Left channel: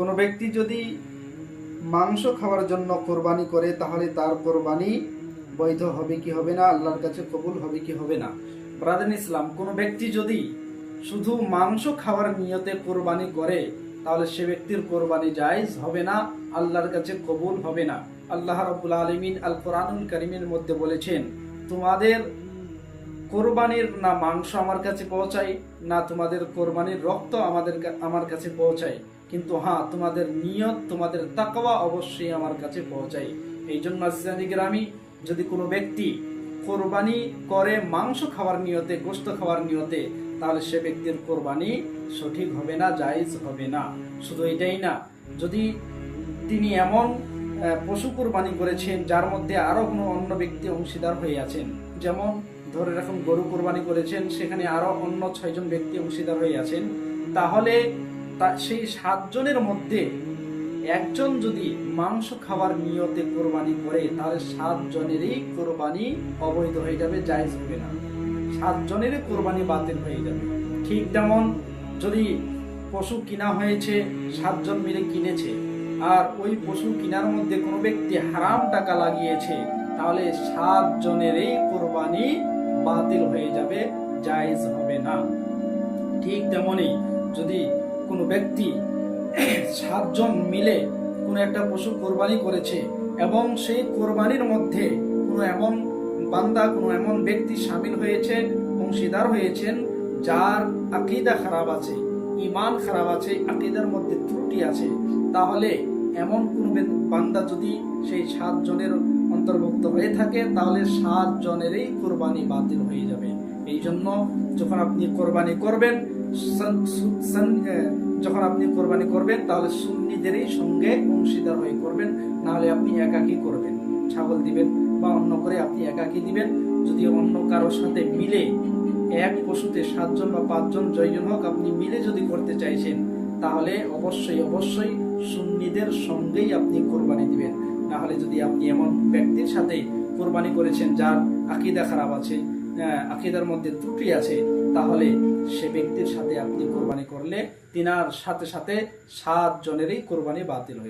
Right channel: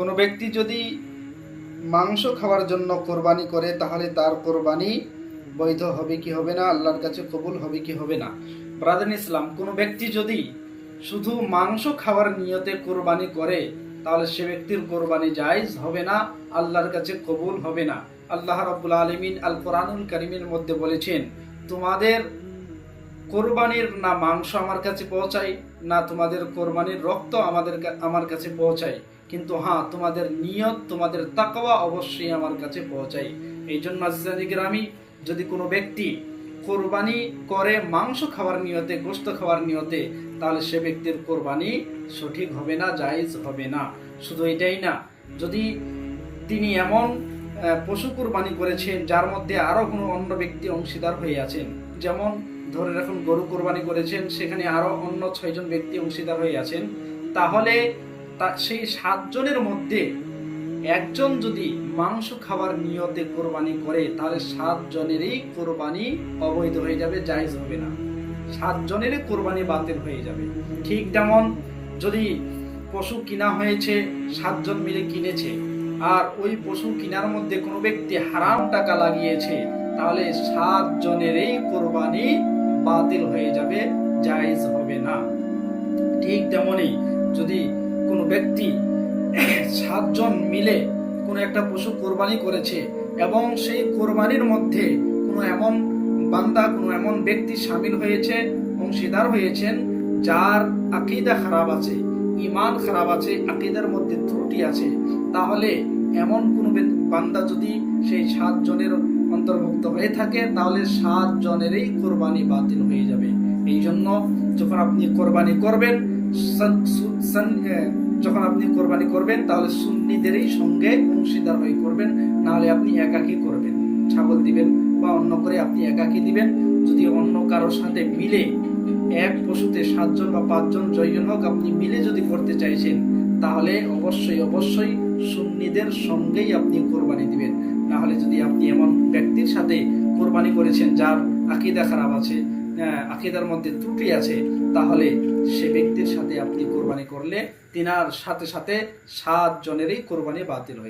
কোনো ব্যক্তি যদি মাংস খাওয়ার জন্য কোরবানি করে তাহলে তার কোরবানি বৈধ হবে কি হবে না, আল্লাহর কাছে কবুল হবে কি হবে না? ব্রাদার ইসলাম, কোনো ব্যক্তি যদি শুধু মাংস খাওয়ার নিয়তে কোরবানি করে তাহলে সে ব্যক্তির কোরবানি জায়েজ হবে না, আল্লাহর কাছে কবুল হবে না। আল্লাহ রাব্বুল আলামিন আল কোরআনুল কারীমের মধ্যে বলেছেন, তোমাদের কোরবানির না মাংস আমার কাছে পৌঁছায়, না তোমাদের কোরবানির রক্ত আমার কাছে পৌঁছায়, কিন্তু হ্যাঁ, তোমাদের নিয়ত, তোমাদের তাকওয়া অবশ্যই আমার কাছে পৌঁছায়। এই জন্য আজিজানি গ্রামী, যদি কোনো ব্যক্তি কোরবানি করে মাংস খাওয়ার নিয়তে, গোশত খাওয়ার নিয়তে, তাহলে সে ব্যক্তির কোরবানি সঠিক হবে না, জায়েজ হবে না। শুধু এটাই না, যদি তিনি এমন পশু কোরবানি করেছেন যার মধ্যে আরো কোনো অন্য ব্যক্তি অংশীদার হয়ে আছেন, যেমন ধরে রাখুন গরু কোরবানি করেছেন, সেখানে আরো অন্য 6 জন ব্যক্তি অংশীদার হয়ে আছেন, তাহলে সেই 7 জনের মধ্যে একজন যদি মাংস খাওয়ার নিয়তে কোরবানি করে তাহলে 7 জনেরই কোরবানি অবৈধ হয়ে যাবে, জায়েজ হবে না, 7 জনেরই কোরবানি বাতিল হয়ে যাবে। ঠিক তেমন যদি পশু কিনা হয়েছে, 7 জন মিলে কিনেছে, আর ওই পশু কিনার মধ্যে কোনো ব্যক্তি হারাম টাকা লাগিয়েছে, তাহলে 7 জনেরই কোরবানি বাতিল হয়ে যাবে, জায়েজ হবে না। ঠিক তেমনি যদি কোনো ব্যক্তি 7 জন মিলে কোনো একটা পশু কোরবানি করেছে এবং সেই কোরবানির মধ্যে কোনো এমন বান্দা, কোনো এমন ব্যক্তি শামিল হয়েছে, অংশীদার হয়েছেন যার আকীদা খারাপ আছে, ঈমান খারাপ আছে, আকীদার মধ্যে ত্রুটি আছে, তাহলে এমন কোন বান্দা যদি সেই 7 জনের অন্তর্ভুক্ত হয়ে থাকে তাহলে 7 জনেরই কোরবানি বাতিল হয়ে যাবে। এই জন্য যখন আপনি কোরবানি করবেন তাহলে সুন্নিদেরই সঙ্গে অংশীদার হয়ে করবেন, নাহলে আপনি একাকী করবেন, ছাগল দিবেন বা অন্য করে আপনি একাকী দিবেন। যদি অন্য কারোর সাথে মিলে এক পশুতে 7 জন বা 5 জন, জয়জন হোক, আপনি মিলে যদি করতে চাইছেন তাহলে অবশ্যই সুন্নিদের সঙ্গেই আপনি কোরবানি দিবেন। না হলে যদি আপনি এমন ব্যক্তির সাথে কোরবানি করেছেন যার আকীদা খারাপ আছে, আকীদার মধ্যে ত্রুটি আছে, তাহলে সে ব্যক্তির সাথে আপনি কোরবানি করলে তিনার সাথে 7 জনেরই কোরবানি বাতিল হয়ে যাবে।